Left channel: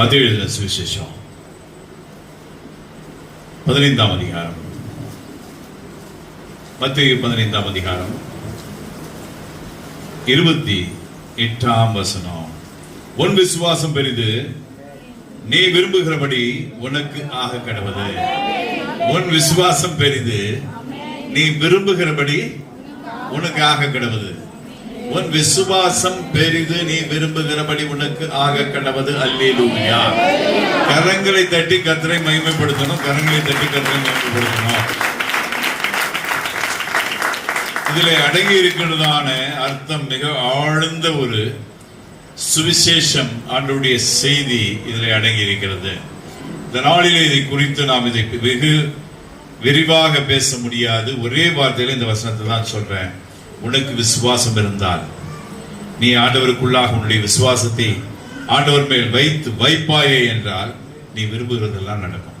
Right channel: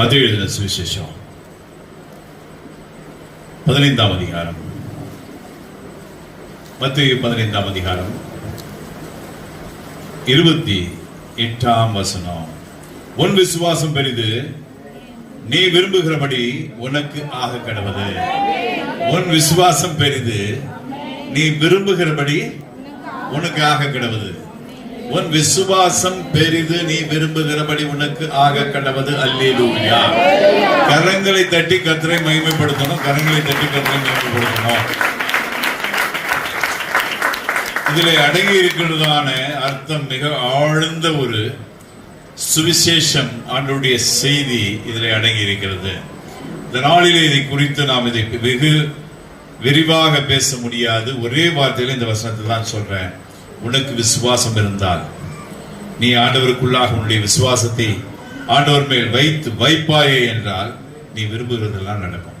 மத்தேயு எழுதின சுவிசேஷம் 15ஆம் அதிகாரம். மத்தேயு 15ஆம் அதிகாரம் 28ஆம் வசனம். உன் விசுவாசம் பெரிது, நீ விரும்புகிறபடி உனக்கு ஆக கடவது. உன் விசுவாசம் பெரிது, நீ விரும்புகிறபடி உனக்கு ஆக கடவது. உன் விசுவாசம் பெரிது, நீ விரும்புகிறபடி உனக்கு ஆக கடவது. அல்லேலூயா. கரங்களை தட்டி கர்த்தரை மகிமைப்படுத்தணும். கரங்களை தட்டி கர்த்தரை மகிமைப்படுத்தணும். இதில் அடங்கி இருக்கிறதான அர்த்தம் மிக ஆழ்ந்த ஒரு சுவிசேஷம், ஆண்டவருடைய செய்தி இதில் அடங்கி இருக்கிறது. இந்த நாளிலே இதை குறித்து நாம் இதை வெகு விரிவாக பேச முடியாது. ஒரே வார்த்தையில இந்த வசனத்தை தான் சொல்றேன். உனக்கு விசுவாசம் இருந்தால், நீ ஆண்டவருக்குள்ளாக உன்னுடைய விசுவாசத்தை ஆண்டவர் மேல் வைப்பாயே என்றால், நீ விரும்புகிறதெல்லாம் நடக்கும்.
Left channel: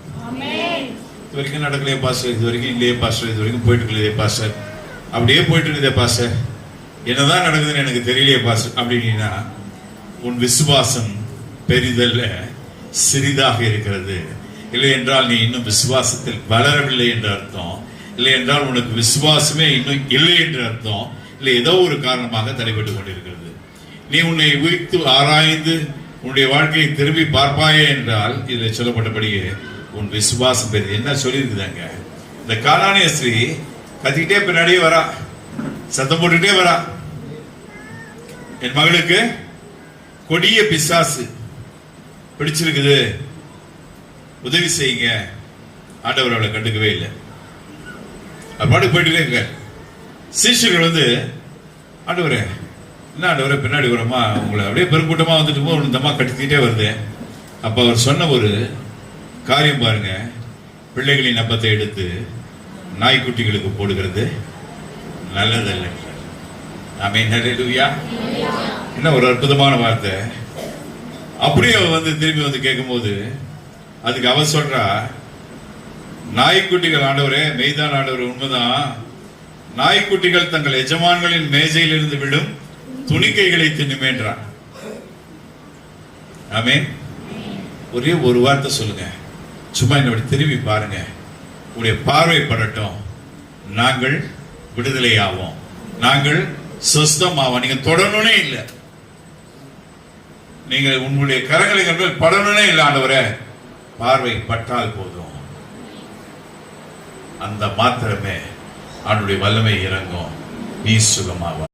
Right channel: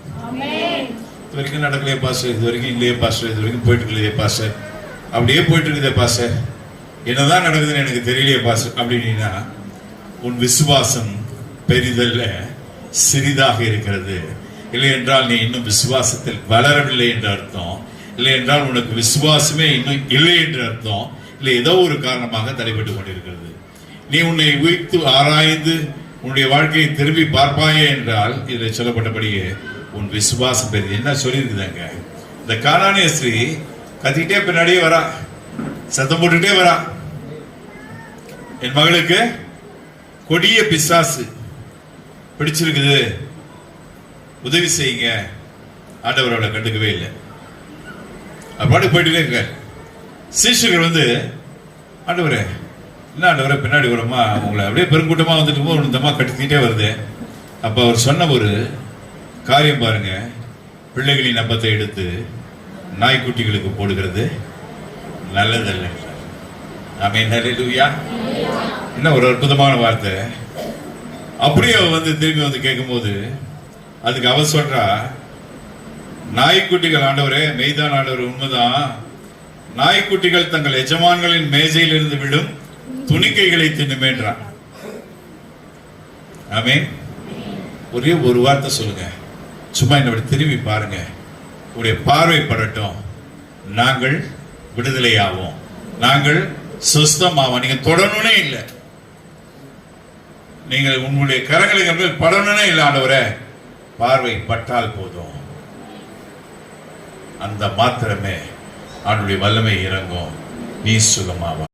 இது வரைக்கும் நடக்கலையே பாஸ்டர், இது வரைக்கும் இல்லையே பாஸ்டர், இது வரைக்கும் போயிட்டு இல்லையே பாஸ்டர், அப்படியே போயிட்டு இருக்குதே பாஸ்டர், என்னதான் நடக்குதுன்னு எனக்கு தெரியலையே பாஸ்டர் அப்படின்னா, உன் விசுவாசம் பெரிதல்ல, சிறிதாக இருக்கிறது. இல்லை என்றால் நீ இன்னும் விசுவாசத்தில் வளரவில்லை என்று அர்த்தம். இல்லை என்றால் உனக்கு விசுவாசமே இன்னும் இல்லை என்று அர்த்தம். இல்லை, ஏதோ ஒரு காரணமாக தடைபட்டுக் கொண்டிருக்கிறது. நீ உன்னை உயிர்த்து ஆராய்ந்து உன்னுடைய வாழ்க்கையை திரும்பி பார்ப்பாயே என்றால், இதில் சொல்லப்பட்டபடியே உன் விசுவாசம் பெரிய என்ன சொல்லியிருக்குதாங்க. இந்த கானானிய ஸ்திரீ கத்திக்கிட்டே பின்னாடியே வரா, சத்தம் போட்டுக்கிட்டே வரா. என் மகளுக்கு கொடிய பிசாசு பிடிச்சிருக்குது, உதவி செய்யுங்க. ஆண்டவரோட கண்டுக்கவே இல்லை. பாட்டுக்கு போயிட்டு இருக்க சீஷர்கள் ஆண்டவரே, என்ன ஆண்டவரே பின்னாடி வருமா, உங்களை அப்படியே பெருங்கூட்டமா வந்துட்டு போது இந்த அம்மா கட்டிக்கிட்டே வருது. அப்ப அவர் சொன்ன ஒரு காரியம் பாருங்க, பிள்ளைகளின் அப்பத்தை எடுத்து நாய்க்குட்டிகளுக்கு போடுகிறது நல்லதல்ல. ஆமென். ஹல்லேலூயா. என்ன ஒரு அற்புதமான வார்த்தை. அப்படியே திரும்பி கேட்கும் போது அதுக்கு அவ சொல்றா, நாய்க்குட்டிகள் ஆண்டவரே, மெய்தான் ஆண்டவர், உண்மைதான். நாய்க்குட்டிகள் தங்கள் எஜமான்களின் மேஜையில் இருந்து விடும் துணிக்கைகளை தின்னுமேன்றான். ஆமென். ஒரே ஒரு வார்த்தை சொல்லுங்க, சும்மா என்னோட திரும்பி பாருங்க, உடைய பார்வை படட்டும், நாங்கள் விடுதலை ஆவோம், நாங்கள் சுஸ்தமாவோம். நீங்க தொடரணும்னே இல்லை, நீங்கள் உங்களுடைய கரங்களை படணும்னே இல்லை. ஆண்டவரே, பார்வை பட்டால் போதும், அந்த மாத்திரமே அவனுடைய வல்லமை இறங்கும், நீ சுகமாவா.